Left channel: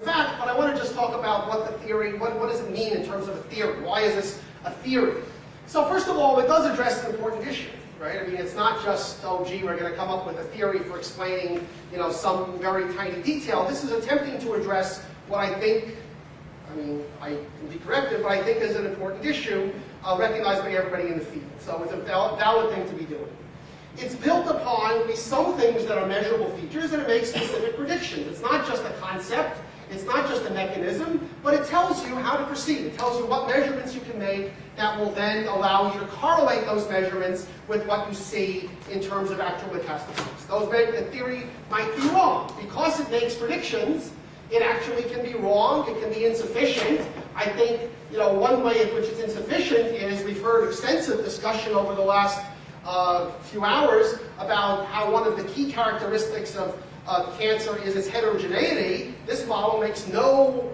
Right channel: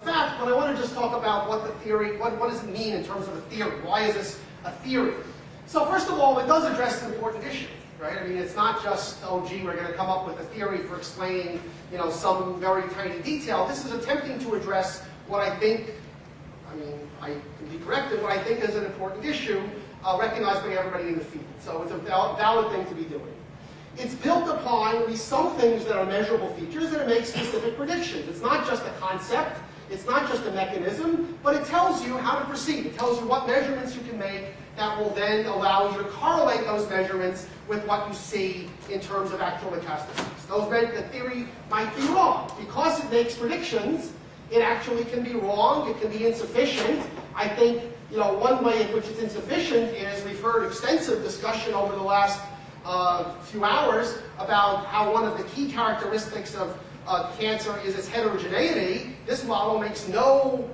In fact, but I want to just talk about what the theory, what does it mean in terms of a theory? Why is this a theory? So first of all, it does address an important issue, right? I mean, it's not just, oh gee, we're going to come up with a theory for explaining, you know, some very tiny detail. This is attempting to address what I think, I mean, I can be corrected, but I think is an important issue recognized by everybody in the field. So it's a valid thing to be doing. It's built upon some things that are measurable features, and it makes specific predictions. It's not just a concept, it's not just a mechanism, but it tells you how to proceed. It tells you what measurements you can make that will then allow you to correlate those measurements with what you see in terms of actual metastases. The theory might be wrong. Because it makes predictions, it actually can be wrong, it can be insufficient. I think, you know, one way in which it's insufficient is we've heard extensive discussion over the last few hours about how one of the key characteristics of cancer is its heterogeneity. This model makes no,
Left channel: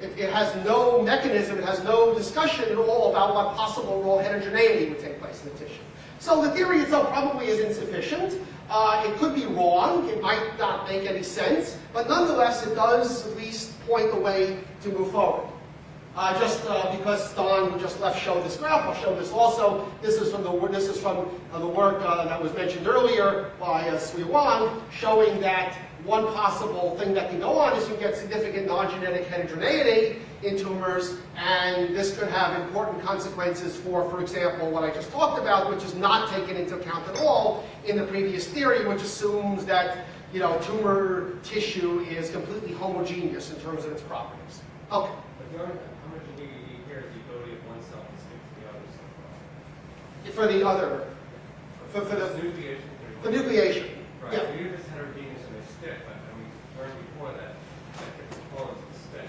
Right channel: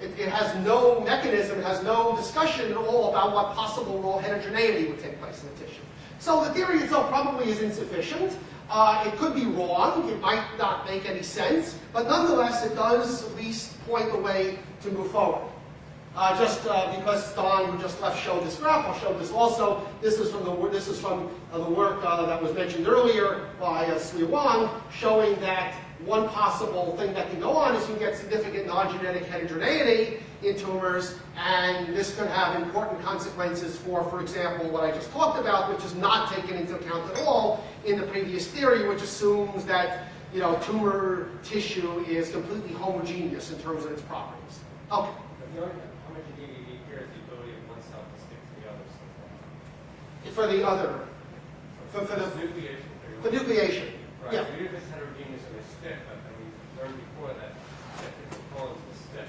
it has no mechanism, it has no discussion at all about what possible role heterogeneity would take place in the tissue. So the theory itself probably is insufficient. It could be wrong, it might not make any sense, but nonetheless it does at least point the way to move forward. Because Don, who just left, showed this graph, I'll show this also. This is from the work that was mentioned earlier by Sui Wang, showing that one possible thing that can go on is you get significant non-genetic heterogeneity in tumors, and this could have important consequences for example, what I just talked about, which is not taken into account at all in the previous theory, which assumes that, you know, tumor tissue is completely homogeneous in terms of its properties. Okay. For the other, for the nucleation. For nucleation. Right. Yeah. So you're just heterogeneous and they stick, but we learned before that different clones will stick.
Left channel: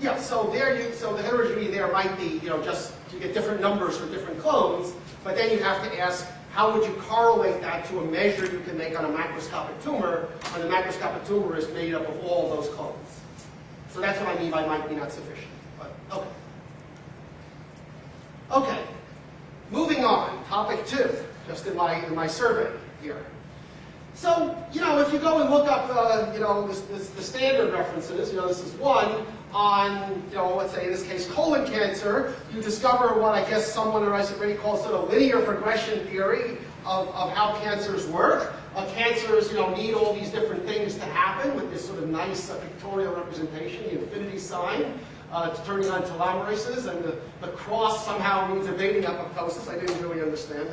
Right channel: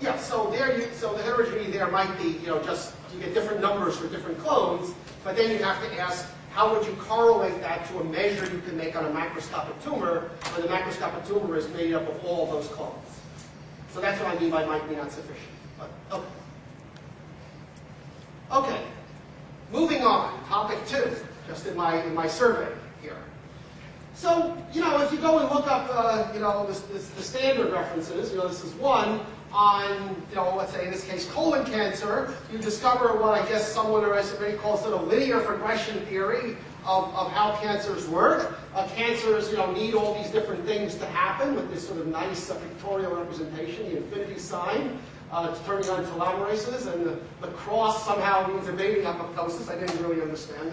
Yeah. So the heterogeneity there might be, you know, just you get different numbers for different clones, but then you have to ask, how would you correlate that to a measure you can make on a macroscopic tumor? And the macroscopic tumor is made up of all those clones. So that's what I mean by might be not sufficient. But okay. Okay. Moving on, topic 2, just in my survey here. So, you know, if you go and look up, you know, the standard references, you know, this is one on, you know, let's say in this case colon cancer, you discover what I guess someone already calls sort of linear progression theory of how cancers work. Cancers, you know, need all these different things to happen with this sort of nice pictorial representation, the infinity sign. Turning on telomerases, and the cross somehow means evading apoptosis. I didn't really understand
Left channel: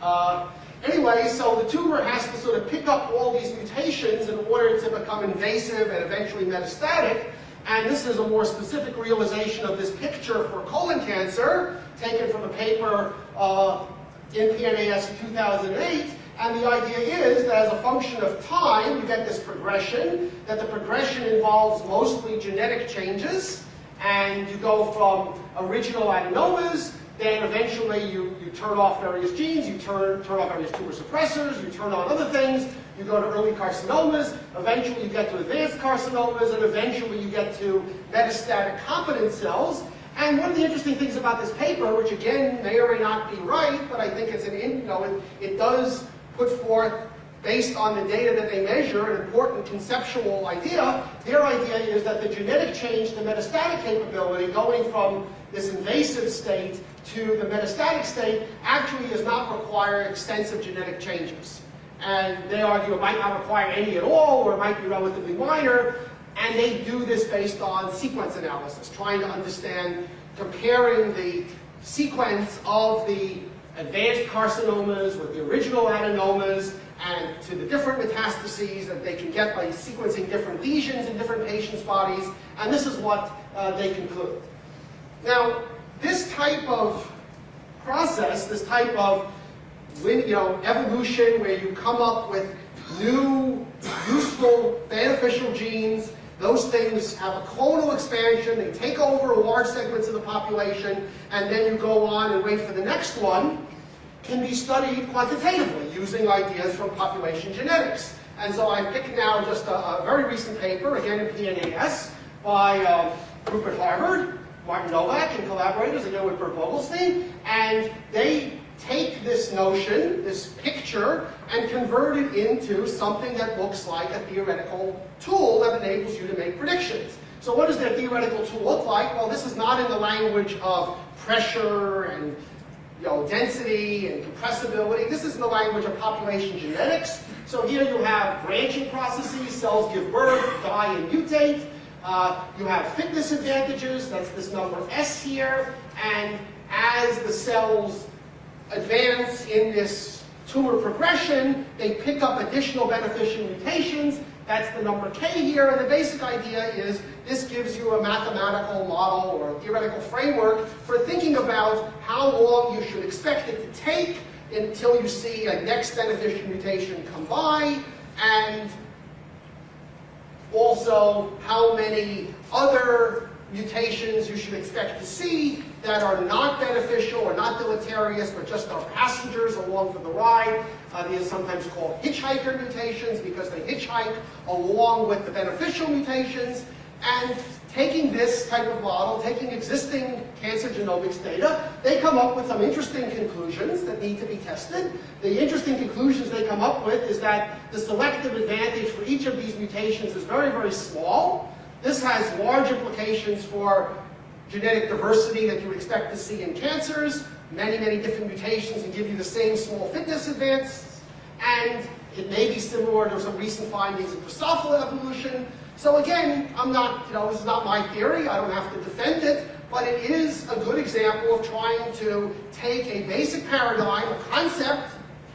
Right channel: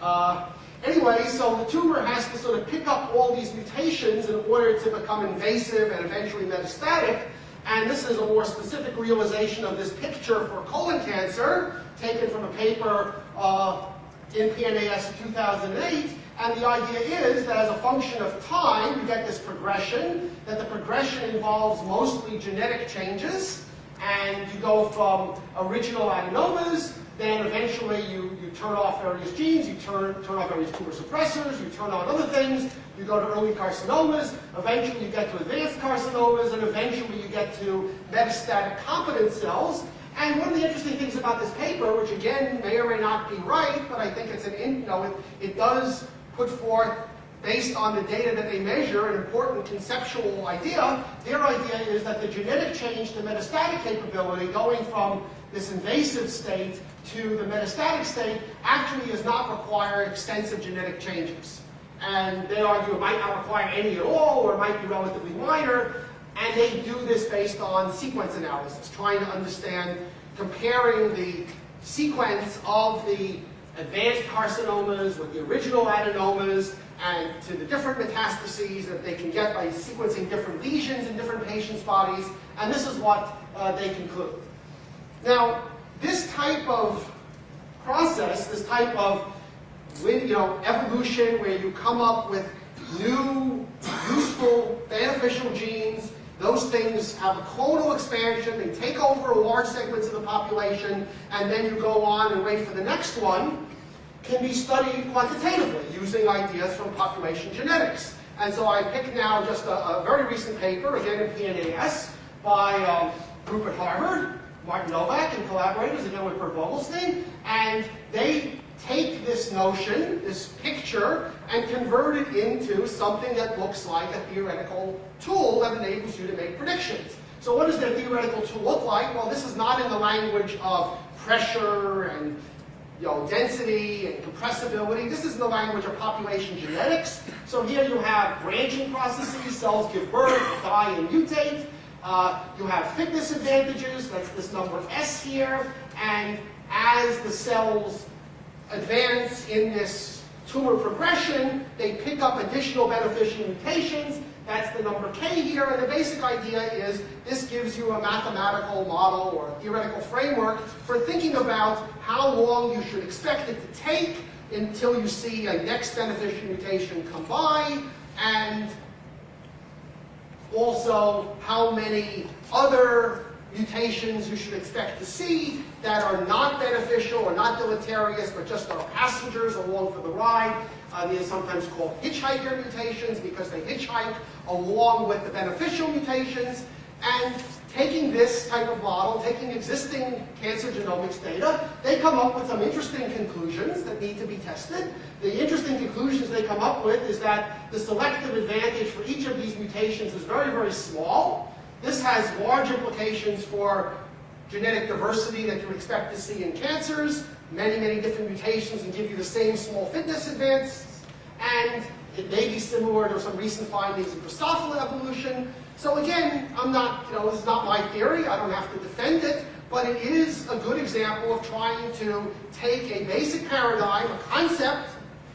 that. Anyway, so the tumor has to sort of pick up all these mutations in order to become invasive and eventually metastatic. And this is a more specific realization of this picture for colon cancer, taken from a paper in PNAS 2008. And the idea is that as a function of time, you get this progression, that the progression involves mostly genetic changes, and you go from original adenomas, then eventually you turn off various genes, you turn off various tumor suppressors, you turn on other things, you go to early carcinomas, eventually you get to advanced carcinomas, and eventually you get to metastatic competent cells. And one of the interesting things about this paper, which again may or may not be right, but I think it's it does put forth, based on the data that they measure, an important conceptual idea. Their idea is that the genetic change to metastatic capability, going from this invasive state to the metastatic state, actually does not require extensive genetic changes. And they argue it might not require any at all, or it might be relatively minor, and they do this based on sequence analysis, trying to understand, comparing the sequence of the advanced carcinomas with the original adenomas and to the different metastases that they can get by sequencing different lesions in different patients' bodies, and this is what they conclude. Now, this type of process, this type of evolution where you come up with new, useful, beneficial genes, those things have a clonal expansion, they take over large segments of the population, and then you go on and wait for the next one, can be studied quantitatively using ideas from population genetics. And so I picked now just a very recent paper, again in PNAS, by a group at Harvard, Martin Novak and collaborators, again with Bert Vogelstein, and they take this notion, this picture, and convert it into something that looks like a theoretical tool that enables you to make predictions. So what does that theoretical tool look like? Well, this is not in the language of pressure and density and compressibility. This is in the language of population genetics. So here you have branching processes, cells give birth, die, and mutate. You have fitness advantages, that's this number S here, and as the cells advance in this tumor progression, they pick up additional beneficial mutations. That's the number K here, and the basic idea is this gives you a mathematical model or a theoretical framework for thinking about how long you should expect it to take until you see a next beneficial mutation come by, and also how many other mutations you should expect to see that are not beneficial or not deleterious, but just are passengers along for the ride. These are sometimes called hitchhiker mutations because they hitchhike along with the beneficial mutations. And taking this type of model, taking existing cancer genomics data, they come up with some interesting conclusions that need to be tested. The interesting conclusions they come up with is that the selective advantage for each of these mutations is very, very small. This has large implications for genetic diversity that you would expect to see in cancers. Many, many different mutations can give you the same small fitness advance. And it may be similar to some recent findings in Drosophila evolution. So again, this is not my theory. I don't have to defend it. But it is a good example of trying to take a basic paradigm, a concept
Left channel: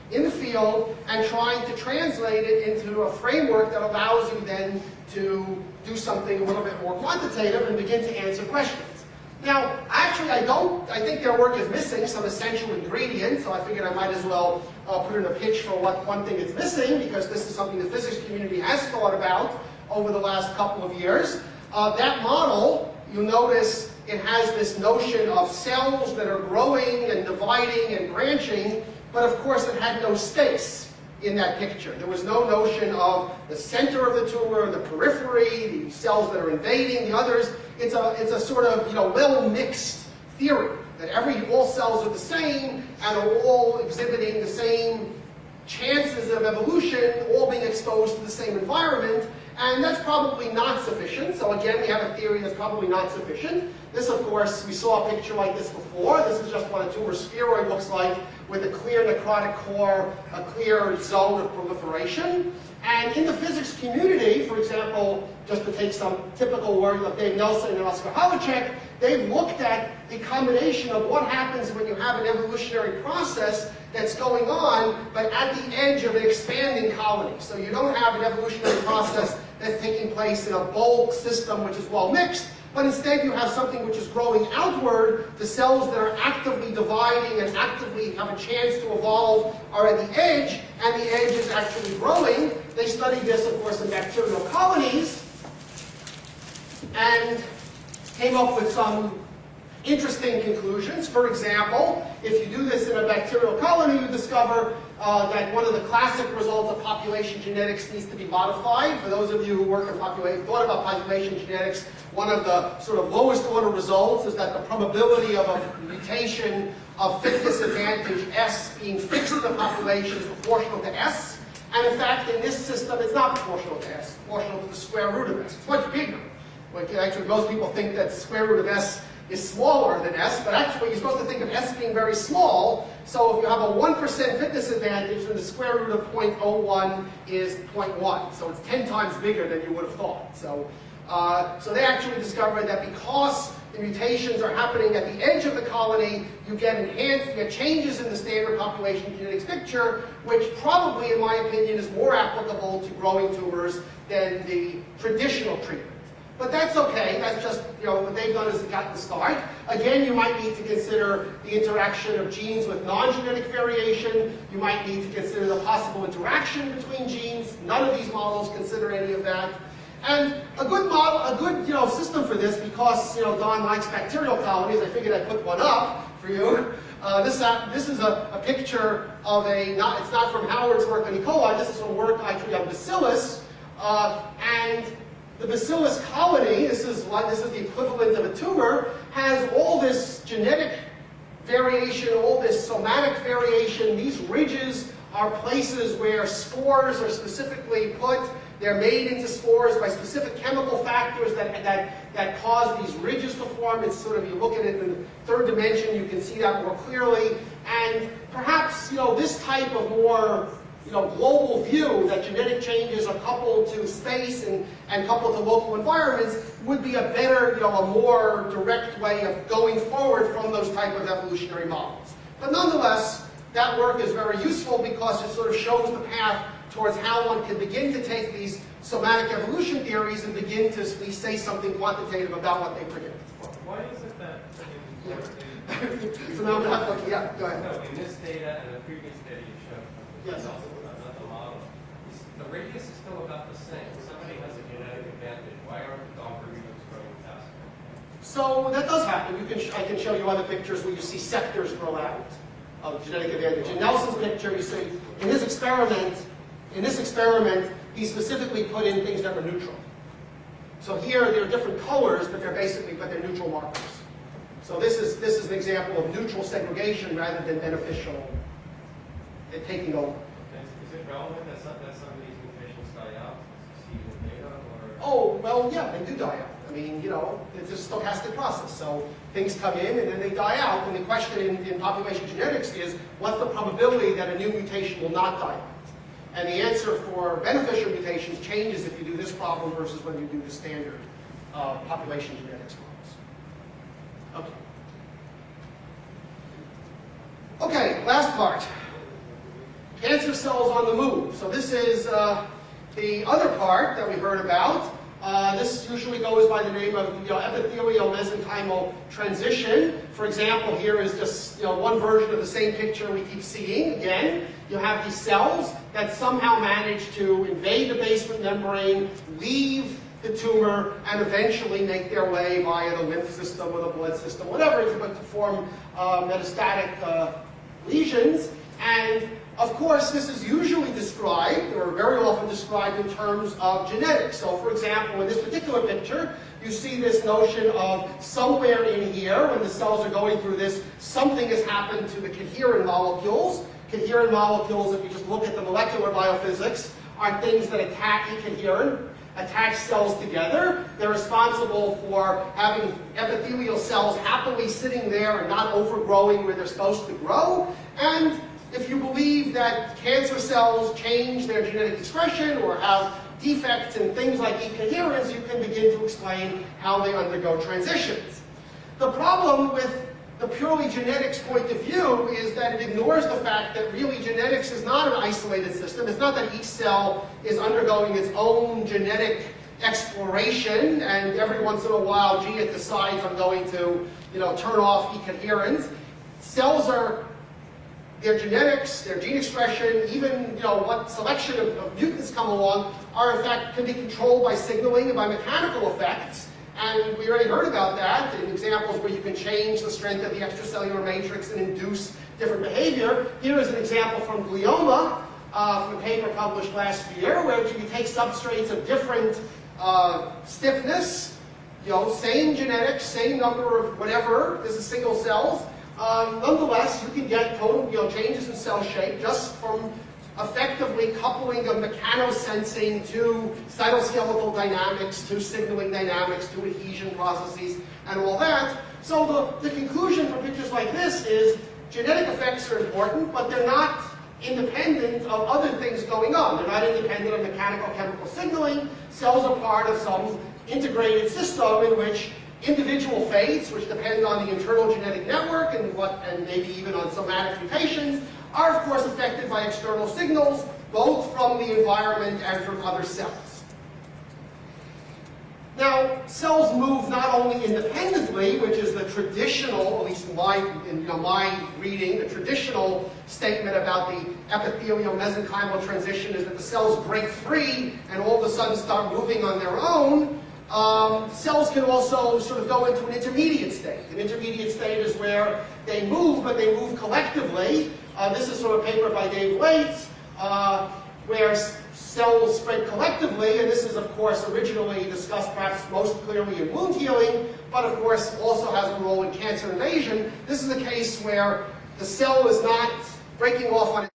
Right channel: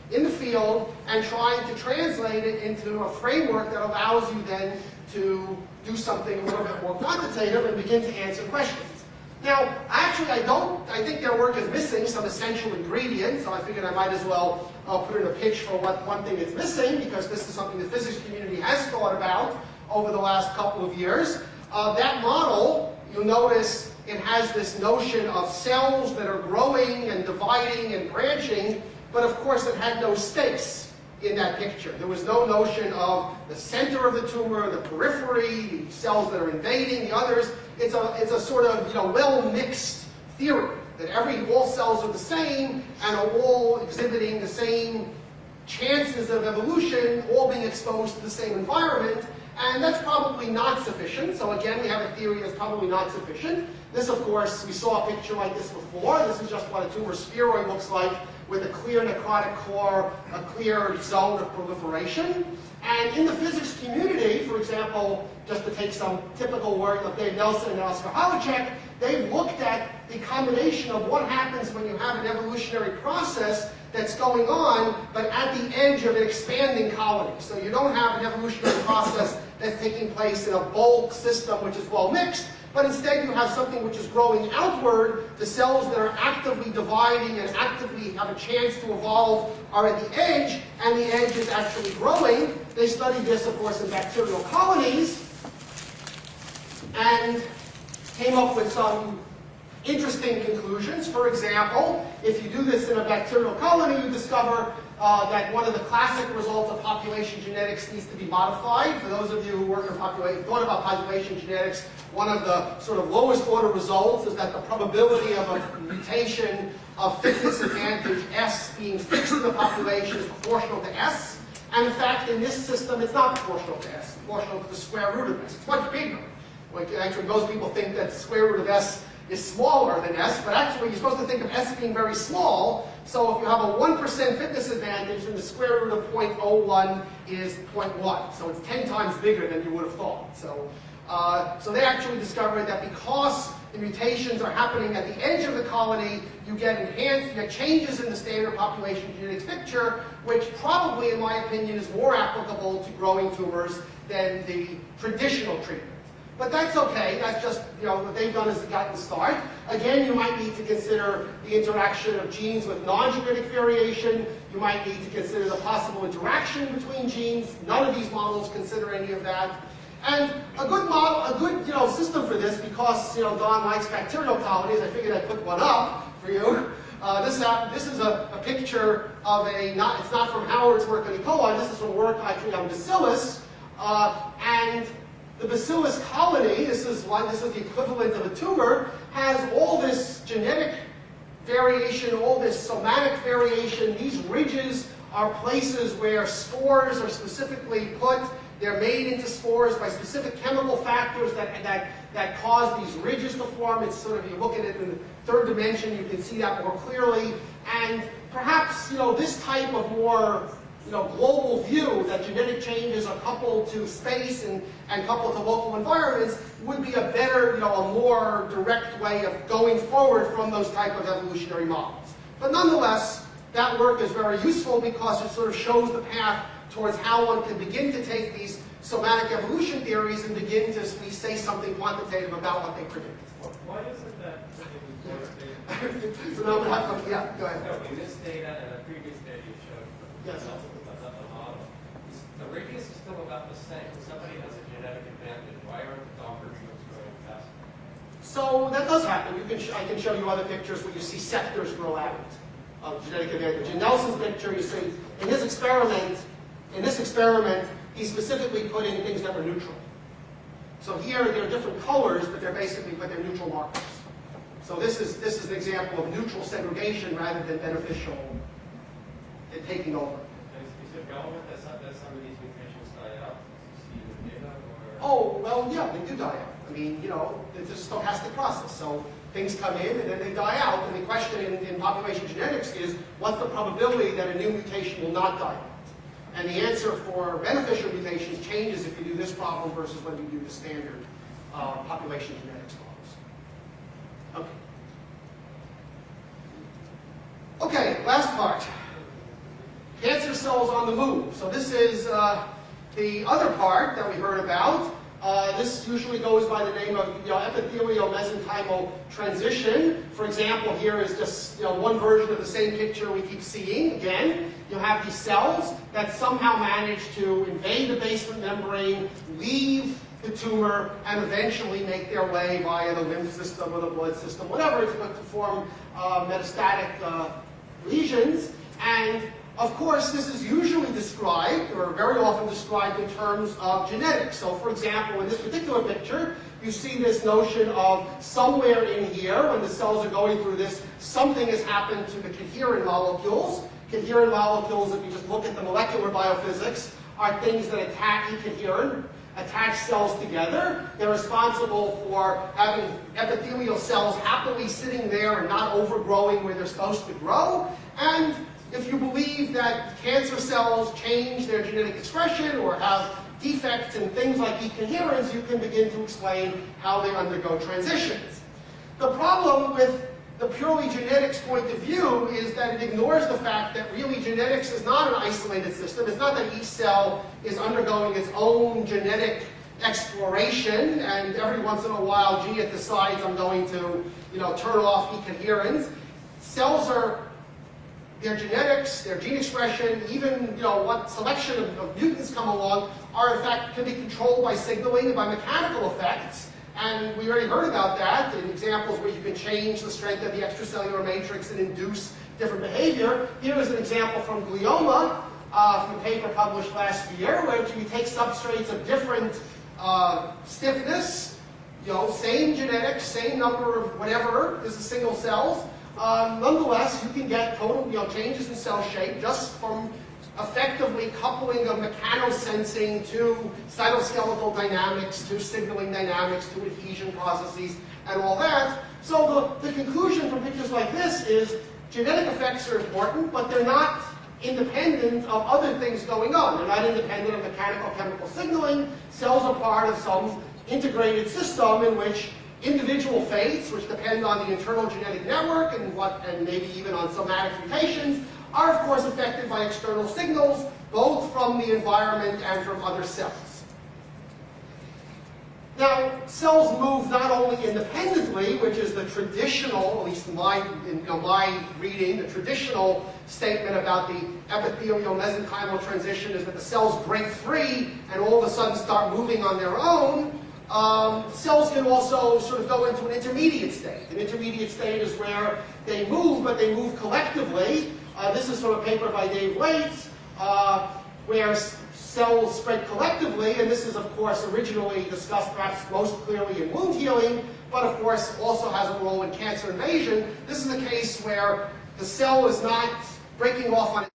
in the field, and trying to translate it into a framework that allows you then to do something a little bit more quantitative and begin to answer questions. Now, actually, I think their work is missing some essential ingredients, so I figured I might as well put in a pitch for what one thing it's missing, because this is something the physics community has thought about over the last couple of years. That model, you'll notice it has this notion of cells that are growing and dividing and branching, but of course it had no space in that picture. There was no notion of the center of the tumor, the periphery, the cells that are invading, the others. It's a sort of well-mixed theory that all cells are the same and are all exhibiting the same chances of evolution, all being exposed to the same environment, and that's probably not sufficient. So again, we have a theory that's probably not sufficient. This, of course, we saw a picture like this before. This is just what a tumor spheroid looks like, with a clear necrotic core, a clear zone of proliferation. And in the physics community, for example, just to take some typical work of Dave Nelson and Oscar Havlicek, they've looked at the combination of what happens when you have an evolutionary process that's going on, but at the edge of an expanding colony. So you don't have an evolutionary process that's taking place in a bulk system which is well mixed, but instead you have something which is growing outward. The cells that are actively dividing and actively have a chance to evolve are at the edge, and the edge is actually growing. They studied this, of course, in bacterial colonies, and came up with some interesting conclusions. For example, if you do this in a bacterial colony, you discover that one of the classic results of population genetics needs to be modified. For those of you who work in thought about population genetics, one of the sort of lowest order results is that the probability of a mutation of fitness advantage S being fixed in the population is proportional to S. And in fact, in this system, it's not proportional to S. It's proportional to the square root of S. It's much bigger. Actually, most people think that the square root of S is smaller than S, but actually you're supposed to think of S being very small. So if you have a 1% fitness advantage, then the square root of 0.01 is 0.1. So it's 10 times bigger than you would have thought. So they actually discovered that because the mutations are happening at the edge of the colony, you get changes in the standard population genetics picture, which probably, in my opinion, is more applicable to growing tumors than the traditional treatment. But that's okay. That's just, what they've done is gotten the start. Again, you might need to consider the interaction of genes with non-genetic variation. You might need to consider the possible interaction between genes. None of these models consider any of that. And a good model, a good system for this, because Don likes bacterial colonies, I figured I'd put one up for you. This is a picture of it's not from Howard's work on E. coli. This is from work actually on bacillus, and the bacillus colony, this is the equivalent of a tumor, has all this genetic variation, all this somatic variation. These ridges are places where spores are specifically put. They're made into spores by specific chemical factors that cause these ridges to form. It's sort of, you look at it in the third dimension, you can see that more clearly. And perhaps, this type of more, global view that genetic changes are coupled to space and coupled to local environments would be a better, a more direct way of going forward from those type of evolutionary models. But nonetheless, that work is very useful because it sort of shows the path towards how one can begin to take these somatic evolution theories and begin to say something quantitative about what they predict. Why is it that in this data, So now, yeah, go ahead. no, in this data and the previous data you showed from Yes. the model, the radius is still about the same. Somebody has a genetic advantage. Why aren't the algorithms growing faster? So that does happen. I can show you other pictures where you see sectors grow out of genetic advantage. In Nelson's picture, you see, in this experiment, he specifically put in things that were neutral. So here, there are different colors, but they're neutral markers. So this is an example of neutral segregation rather than beneficial taking over. Is it relevant that some of these mutations die out, as you see in the data, or? Oh, well, yeah, they do die out. I mean, it's a stochastic process. So things come in and then they die out. And the question in population genetics is, what's the probability that a new mutation will not die out? And the answer for beneficial mutations changes if you do this problem versus when you do the standard population genetics models. Okay, last part. Cancer cells on the move. So this is the other part that we heard about. This usually goes by the name of epithelial mesenchymal transition. For example, here is just one version of the same picture we keep seeing. Again, you have these cells that somehow manage to invade the basement membrane, leave the tumor, and eventually make their way via the lymph system or the blood system, whatever it's to form metastatic lesions. And of course, this is usually described, or very often described, in terms of genetics. So, for example, in this particular picture, you see this notion of somewhere in here, when the cells are going through this, something has happened to the coherent molecules. Coherent molecules, if you just look at the molecular biophysics, are things that attach cells together. They're responsible for having epithelial cells happily sitting there and not overgrowing where they're supposed to grow. And if you believe that cancer cells change their genetic expression or have defects in things like ecoherence, you can begin to explain how they undergo transitions. The problem with the purely genetics point of view is that it ignores the fact that really genetics is not an isolated system. It's not that each cell is undergoing its own genetic exploration, and every once in a while, gee, it decides I'm going to, turn off ecoherence. Cells are, their genetics, their gene expression, even what selection of mutants come along, are in fact can be controlled by signaling and by mechanical effects. And we already heard about that in examples where you can change the strength of the extracellular matrix and induce different behavior. Here is an example from glioma, from a paper published last year, where you take substrates of different stiffness, same genetics, same number of whatever, this is single cells. Nonetheless, you can get total changes in cell shape just from effectively coupling of mechanosensing to cytoskeletal dynamics, to signaling dynamics, to adhesion processes, and all that. So the conclusion from pictures like this is genetic effects are important, but they're not independent of other things going on. They're not independent of mechanical chemical signaling. Cells are part of some integrated system in which individual fates, which depend on the internal genetic network and maybe even on somatic mutations, are of course affected by external signals, both from the environment and from other cells. Now, cells move not only independently, which is the traditional, at least in my reading, the traditional statement about the epithelial mesenchymal transition is that the cells break free and all of a sudden start moving on their own. Cells can also sort of go into an intermediate state. An intermediate state is where they move, but they move collectively. This is from a paper by Dave Waits, where cells spread collectively, and this is, of course, originally discussed perhaps most clearly in wound healing, but of course also has a role in cancer invasion. This is a case where the cell is not breaking off on